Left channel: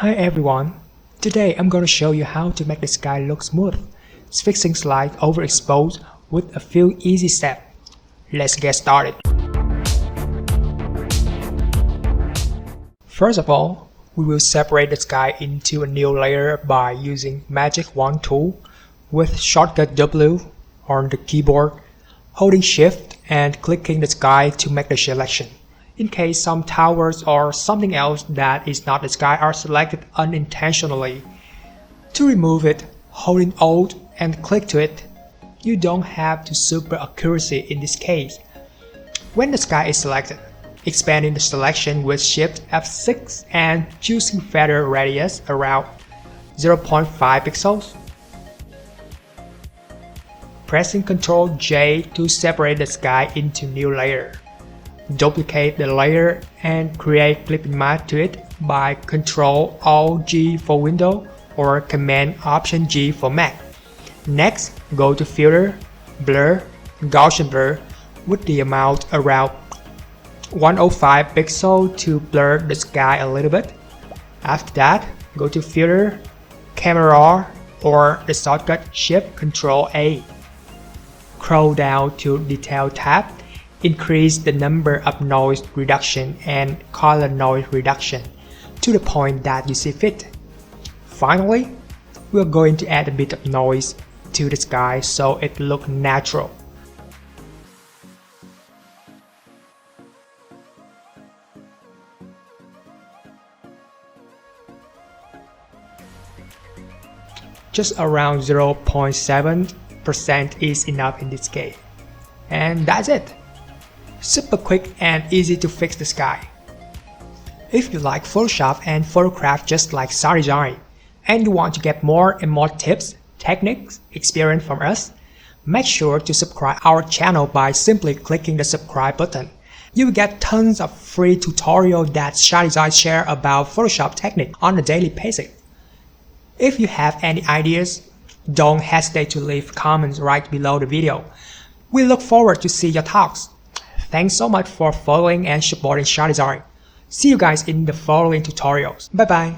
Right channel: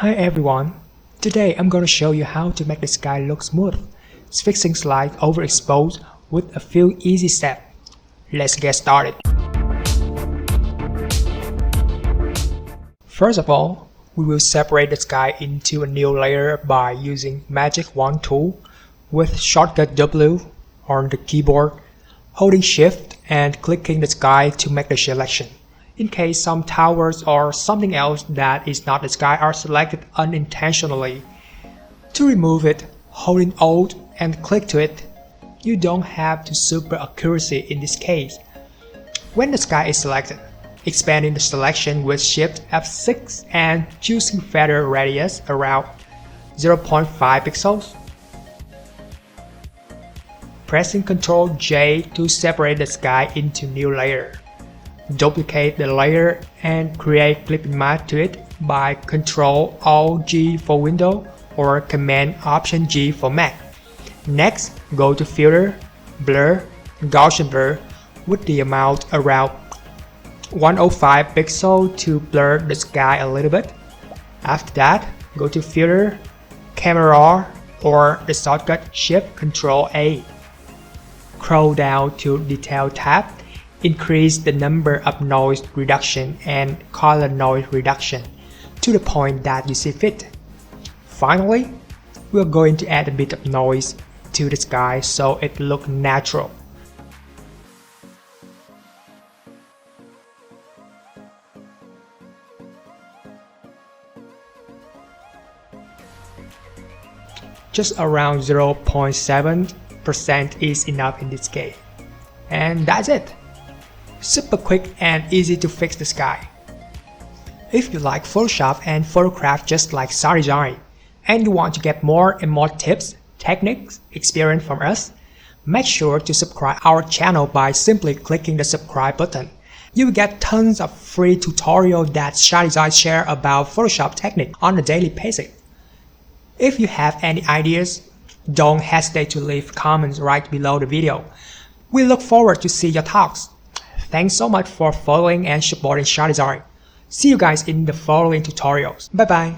Hi everyone, today I'm going to show you how to make the sky look smooth, fixing slight overexposed with a few easy steps. Let's get started. First of all, we will separate the sky into a new layer by using Magic Wand tool with shortcut W on the keyboard, holding Shift and clicking the sky to make the selection. In case some towers or something else that is not the sky are selected unintentionally, to remove it, holding Alt and click to it. You don't have to super accuracy in this case. When the sky is selected, expanding the selection with Shift F6 and choosing feather radius around 0.5 pixels. Pressing Ctrl J to separate the sky into new layer. Duplicate the layer and create flipping mask to it by Ctrl Alt G for Windows or Command Option G for Mac. Next, go to Filter, Blur, Gaussian Blur with the amount around 105 pixels to blur the sky a little bit. After that, go to Filter, Camera or the shortcut Shift Ctrl A. Scroll down to Detail tab. Increase the number of noise reduction and color noise reduction to the point that you see fit. Finally, we're going to add a bit of noise to the sky so it looks natural. Just around 0.7% is enough in this case. And that's it. Super quick and easy to fix the sky. If you like Photoshop and photograph just like SADESIGN, and you want to get more and more tips, techniques, experience from us, make sure to subscribe our channel by simply clicking the subscribe button. You will get tons of free tutorials that SADESIGN share about Photoshop technique on a daily basis. If you have any ideas, don't hesitate to leave comments right below the video. We look forward to see your thoughts. Thanks so much for following and supporting SADESIGN. See you guys in the following tutorials. Bye bye.